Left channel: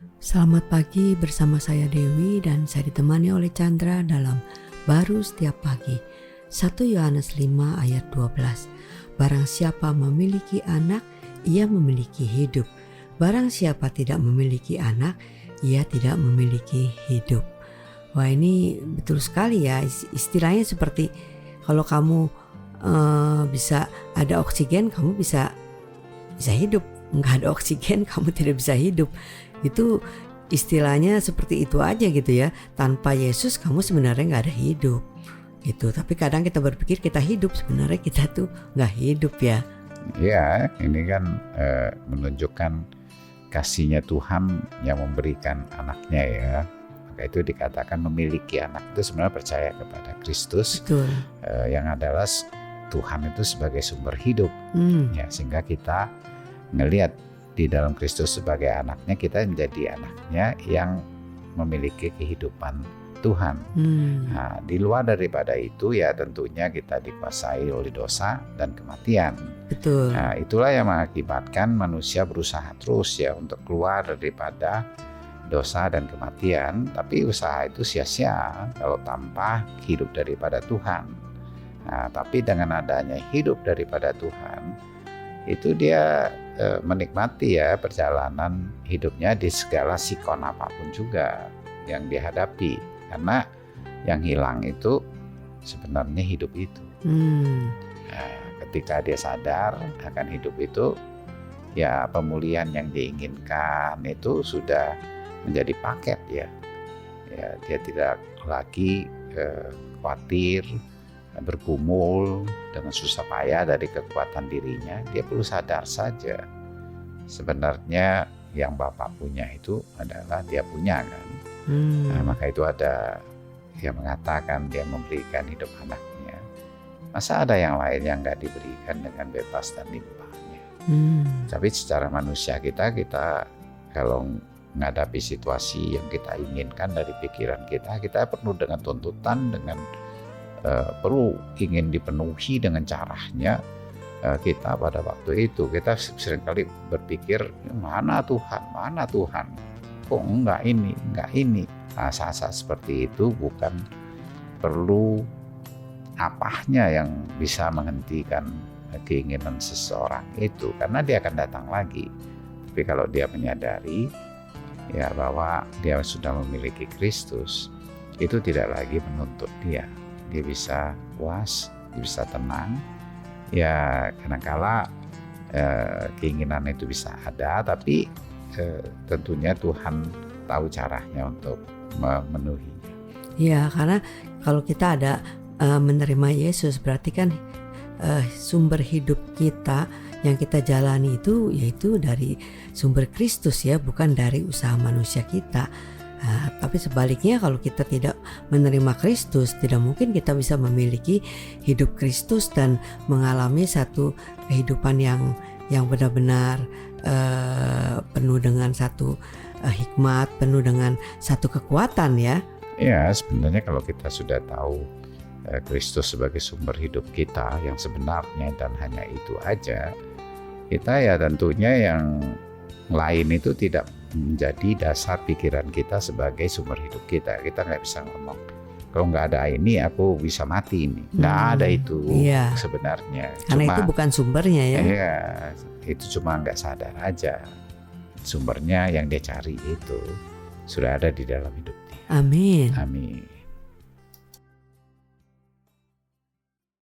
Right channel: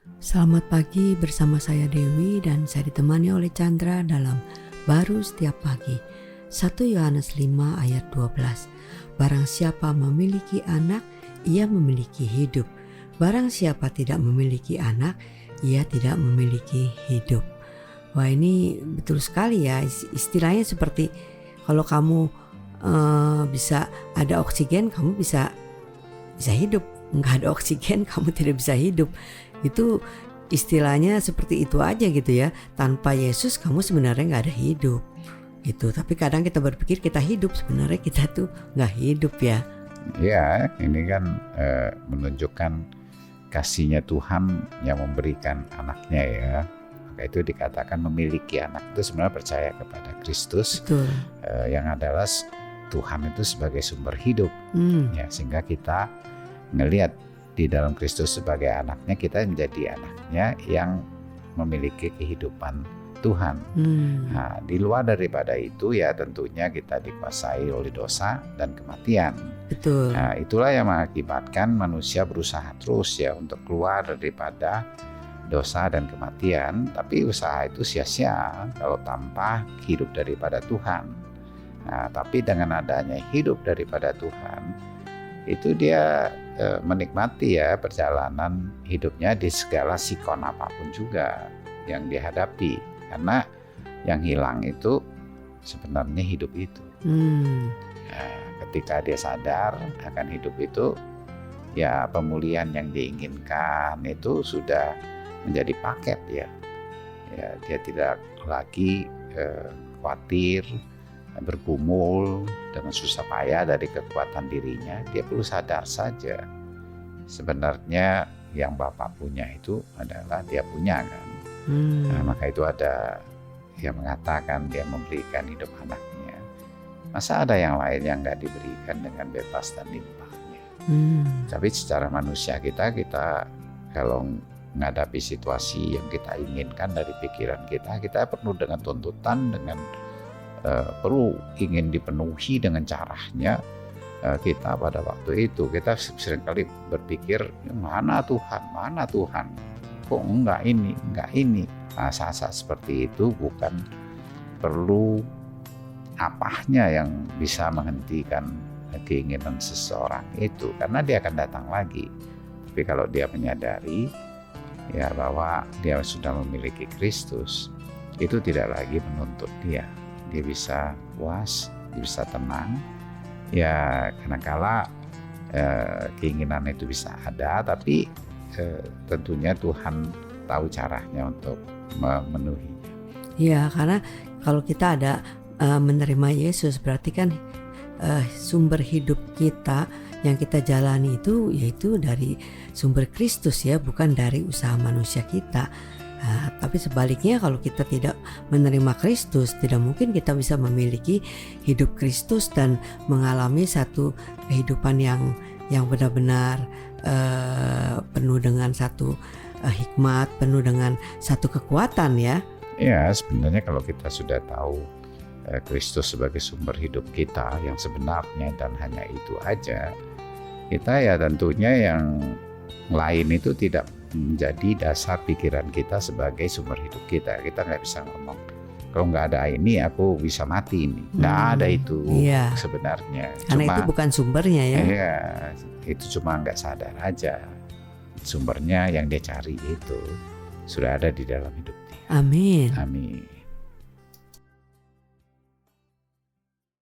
Selamat pagi, bersama saya Dewi dan saya ditemani oleh Chandra dalam Baru Setiap Pagi. 1 Yohanes 5 ayat 12. Barang siapa memiliki anak, ia memiliki hidup. Barang siapa tidak memiliki anak, ia tidak memiliki hidup. Wah, ini betul sekali ya. Istilahnya seperti kalau kamu bisa ada oksigen, kamu bisa hidup. Nggak ada oksigen, kamu tidak bisa hidup. Itu istilahnya seperti itu aja gitu ya. Tanpa Yesus kamu sebenarnya nggak ada hidup gitu. Tapi kadang kita berpikir kita hidup, sebenarnya kita tuh nggak hidup ya. Ya, ini kan menunjukkan kasihnya Tuhan yang memberikan anaknya ya. Maka itu dikatakan memiliki anak itu sebenarnya percaya kepada Kristus. Betul. Yang adalah Tuhan itu sebagai sumber hidup. Ya, sehingga kita ngelihat di dalam Kristus sebagai anaknya, kita menjadi anaknya yang memiliki kehidupan Tuhan. Nah, di luar daripada itu ya tentunya kita dikuasai oleh dosa dan kematian. Betul. Nah, itulah yang mengakibatkan manusia berusaha terus ya untuk keluar daripada dosa dan kematian. Tapi usaha itu sia-sia kalau tanpa hidup daripada Tuhan. Nah, tapi dengan adanya hidup daripada Tuhan, itu dia menikmati ya perjalanan hidupnya di segala sikon apapun juga yang dihadapi, karena yang hilang itu sebenarnya hidup itu. Nah, ketika dia sadar akan hidup itu, ya pemulihan yang diinginkan itu sudah menjadi paket ya. Ya, dia tidak lagi khawatir bergumul dengan susah payah dari kekuatan dirinya. Dia perlu sadar saja sebenarnya yang Bapak punya itu adalah dia punya kan. Nah, maka itu ada yang mengatakan dia memberikan hidup anaknya. Masa ada yang lain yang gak diberikan dengan bebas dan limpahnya. Tapi secara manusia kita kalau menghadapi situasi yang kita inginkan dari pikiran kita penuh dengan tuntutan, dengan perlu ingin dipenuhi dengan caranya. Kita pada waktu itu kita seringkali berpikir, mana Tuhan, kok enggak ini. Nah, saat-saat seperti itu bukan perlu apahnya yang bisa menghentikan keinginan seseorang itu, karena dia akan datang lagi. Tapi kalau dia menyadari ya bahwa dia sudah memiliki Kristus, itu tidak lagi menuntut dia bisa puas, dia bisa tenang. Ya kadangkala keinginan itu bisa ada, tapi tentunya Tuhan tahu caranya untuk memenuhinya. Ya, karena kalau kita ada menerima Yesus, berarti kan sumber hidup kita yang kita jalani itu yaitu dari sumber Kristus ya, bukan dari usaha manusia kita. Tapi sebaliknya kalau kita tidak menerima Kristus, tidak mungkin kita bisa memiliki hidup Kristus dan mengalami satu kehidupan yang benar-benar penuh dengan satu hikmat, penuh dengan satu kekuatan ya. Ya, sebenarnya kalau kita sudah tahu Kristus sebagai sumber hidup kita yang sebenarnya dan hanya itu aja, kita ya tentunya yang lain itu tidak menjadi dasar pikiran kita sebagai sumber hidup kita. Kita nggak bisa ngomong, kalau nggak ada ini aku bisa mati ini. Nggak ada itu sebenarnya. Karena itu bukan sumbernya ya. Iya, itu cuma nggak sadar aja. Sumbernya yang dia cari itu sudah ada di dalam hidup dia. Amin. Amin.